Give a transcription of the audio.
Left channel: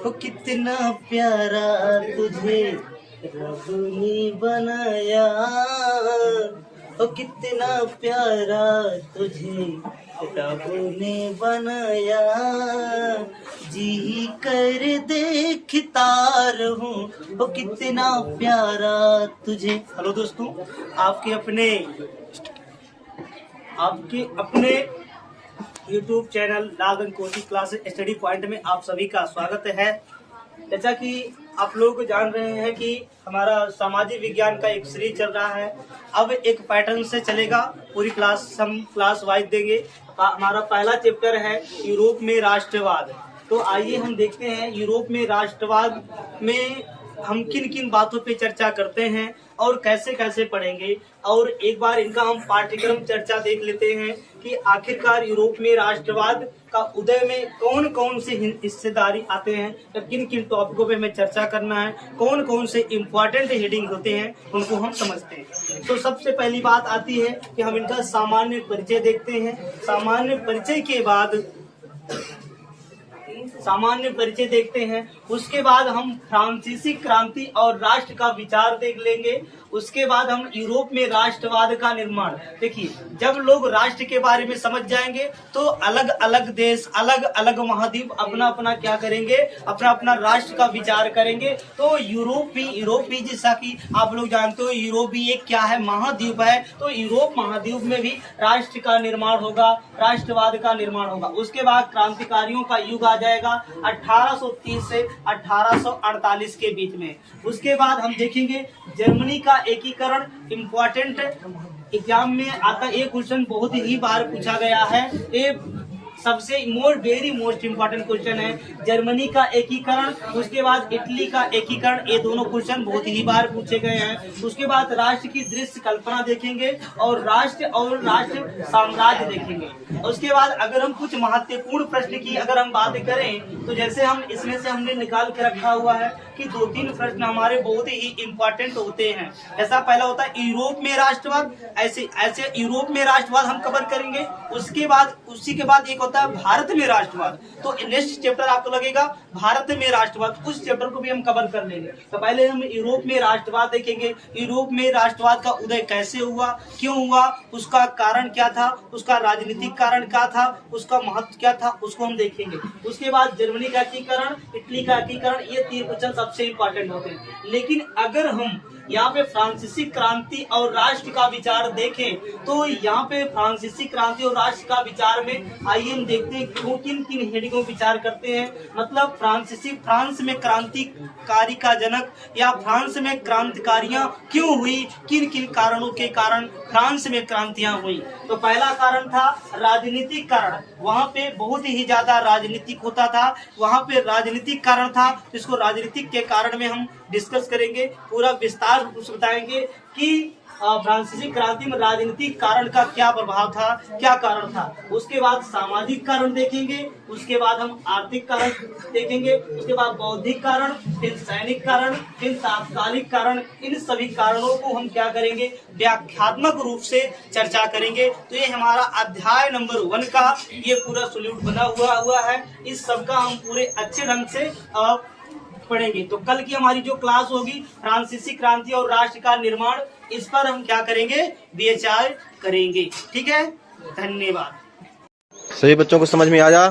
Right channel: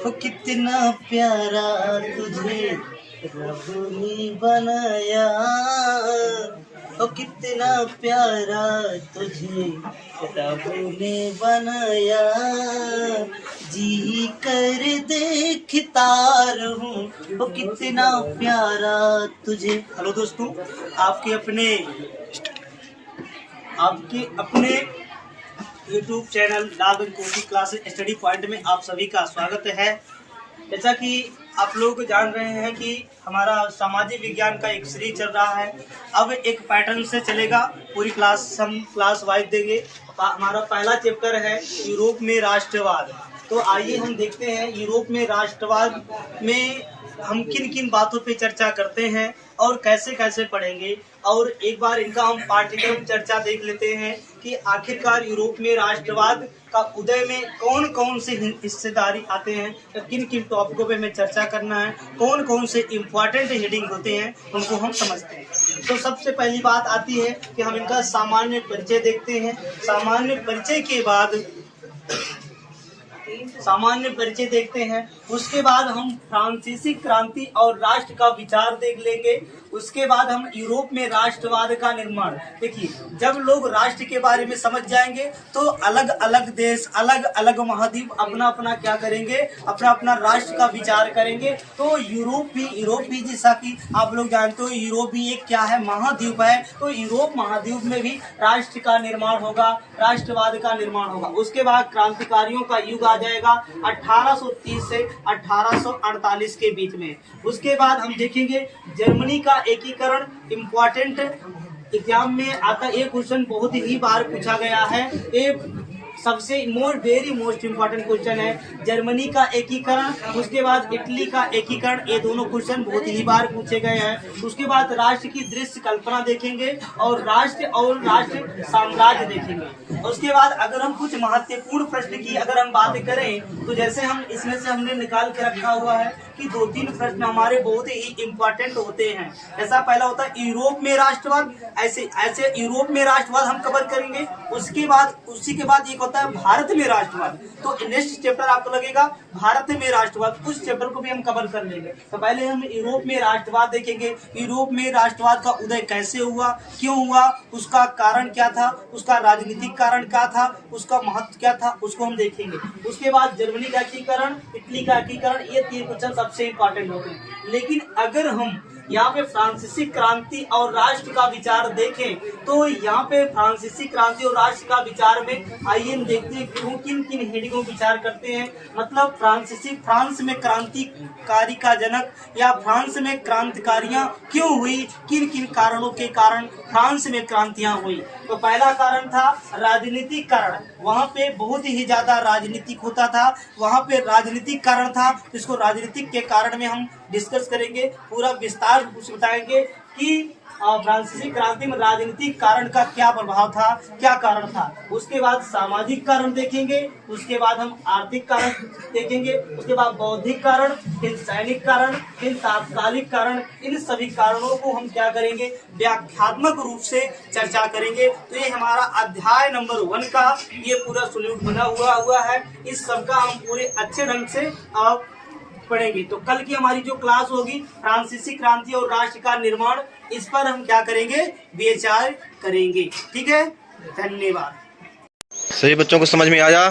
ओ कितना प्यारा तुझे रब ने बनाया, ओ कितना प्यारा तुझे रब ने बनाया, जी कर देखता रहूं, ओ कितना प्यारा तुझे। हेलो दोस्तों, आपके अपने YouTube channel Lalganj coaching classes study point में आप सभी का स्वागत है। जैसा कि आप लोग जान रहे हैं कि हमारा सामाजिक विज्ञान का एक सीरीज चल रहा है। अब एक पैटर्न से चलेगा, पूरी क्लास हम क्लास वाइज देंगे। हमारा पहला चैप्टर है यूरोप में राष्ट्रवाद। तो आइए हम देखते हैं यूरोप में राष्ट्रवाद में हम किन किन बातों पे चर्चा करते हैं और कैसे कैसे पढ़ेंगे, और एक बार इनका हम पाठ्यक्रम चर्चा देख लेते हैं कि आखिरकार यूरोप में राष्ट्रवाद का उदय में कौन कौन से हिस्सेदारी आते हैं, या किन किन टॉपिकों पे हमें चर्चा करना है, कौन कौन से इम्पोर्टेंट हेडिंग होते हैं, उनको हम समझते हैं। तो सबसे पहली बात आती है कि हम इनका सामान्य परिचय देखते हैं। सामान्य परिचय देखते हैं। उसके बाद हम फ्रांसीसी क्रांति और राष्ट्र का विचार देख लेंगे। उसके बाद हम यूरोप में राष्ट्रवाद का निर्माण। देखिए, जब लोग राष्ट्र के बारे में समझ जाएंगे तो अलग अलग देश, अलग अलग महाद्वीप अपना अपना क्या करेंगे, अपना अपना राष्ट्र का विचार करेंगे। तो यूरोप भी जैसा कि आप लोग जानते हो, यूरोप भी एक क्या है, महाद्वीप है। तो यूरोप महाद्वीप में भी राष्ट्र का निर्माण होगा, राष्ट्रवाद का निर्माण होगा। उसके बाद क्रांतिकारियों का युग आ जाएगा 1830 से 1848 के बीच में। उसके बाद हम देखेंगे जर्मनी का एकीकरण। इम्पोर्टेंट एग्जाम में आता ये क्वेश्चन बहुत ही बार पूछा गया है। ये सबसे वेरी मोस्ट इम्पोर्टेंट क्वेश्चन है, जर्मनी का एकीकरण। उसके बाद इटली का एकीकरण। ये दोनों क्वेश्चन बहुत ही बार पूछे गए हैं। उसके बाद राष्ट्र की दृश्य कल्पना देखेंगे और राष्ट्र साम्राज्य देखेंगे। उसके बाद अगर हम कुछ महत्वपूर्ण प्रश्न की अगर हम बात करें तो जैसे हम इसमें से हमने निकाल के रखा हुआ है कि 2-3 प्रश्न हमारे बहुत ही इम्पोर्टेंट होते हैं। ऐसा पहला होता है यूरोप में राष्ट्रवाद। ऐसे यूरोप में राष्ट्रवाद हम कवर करेंगे। उसी के बाद एक होता है भारत में राष्ट्रवाद। तो नेक्स्ट चैप्टर आपको लगेगा भारत में राष्ट्रवाद, उस चैप्टर को भी हम कवर कर लेंगे। तो पहले हम यूरोप में राष्ट्रवाद देखेंगे। यूरोप में राष्ट्रवाद का उदय कैसे हुआ, क्यों हुआ, उसका कारण क्या था, उसका राजनीतिक कारण क्या था, उसका महत्व क्या था, उसको हम देखेंगे। उसके बाद जर्मनी का एकीकरण, इटली का एकीकरण, ये 3 क्वेश्चन सबसे इम्पोर्टेंट होते हैं। लेकिन अगर हम यहाँ पे फ्रांसीसी क्रांति और राष्ट्र का विचार देखें तो यहाँ पे फ्रांसीसी क्रांति और राष्ट्र का विचार में आइए हम देखते हैं क्यों किन किन हेडिंगों विचार करते हैं। मतलब फ्रांस में क्रांतिकारी का जनक, या फ्रांस में क्रांतिकारियां क्यों हुई, किन किन कारणों के कारण फ्रांस में क्रांतियां हुई। तो पहला कारण था राजनीतिक कारण। वहाँ पे बहुत ही ज्यादा राजनीतिक होता था, वहाँ पे राजनीतिक कारण था। इसको राजनीतिक के कारण में हम डिस्कस करेंगे, पूरा विस्तार कुछ बताएंगे कि फ्रांसीसी क्रांति में राजनीतिक कारण का क्या प्रभाव था, क्या कारण था। उसके बाद सामाजिक कारण देखेंगे। उसके बाद हम आर्थिक कारण देखेंगे। उसके बाद बौद्धिक कारण, फिर सैनिक कारण, फिर तात्कालिक कारण। इन सभी कारणों को हम क्या करेंगे, व्याख्यात्मक रूप से चर्चा करेंगे। तो ये हमारा अध्याय नंबर 1 का ये पूरा सॉल्यूट बना हुआ है। इस सब का हम पूरे अच्छे ढंग से पढ़ेंगे। तो कल की हमारी जो क्लास होगी फ्रांसीसी क्रांति और राष्ट्र का निर्माण, इस पर हम क्या करेंगे, विचार करेंगे। ठीक है, धन्यवाद। सभी बच्चों को समझ में आया?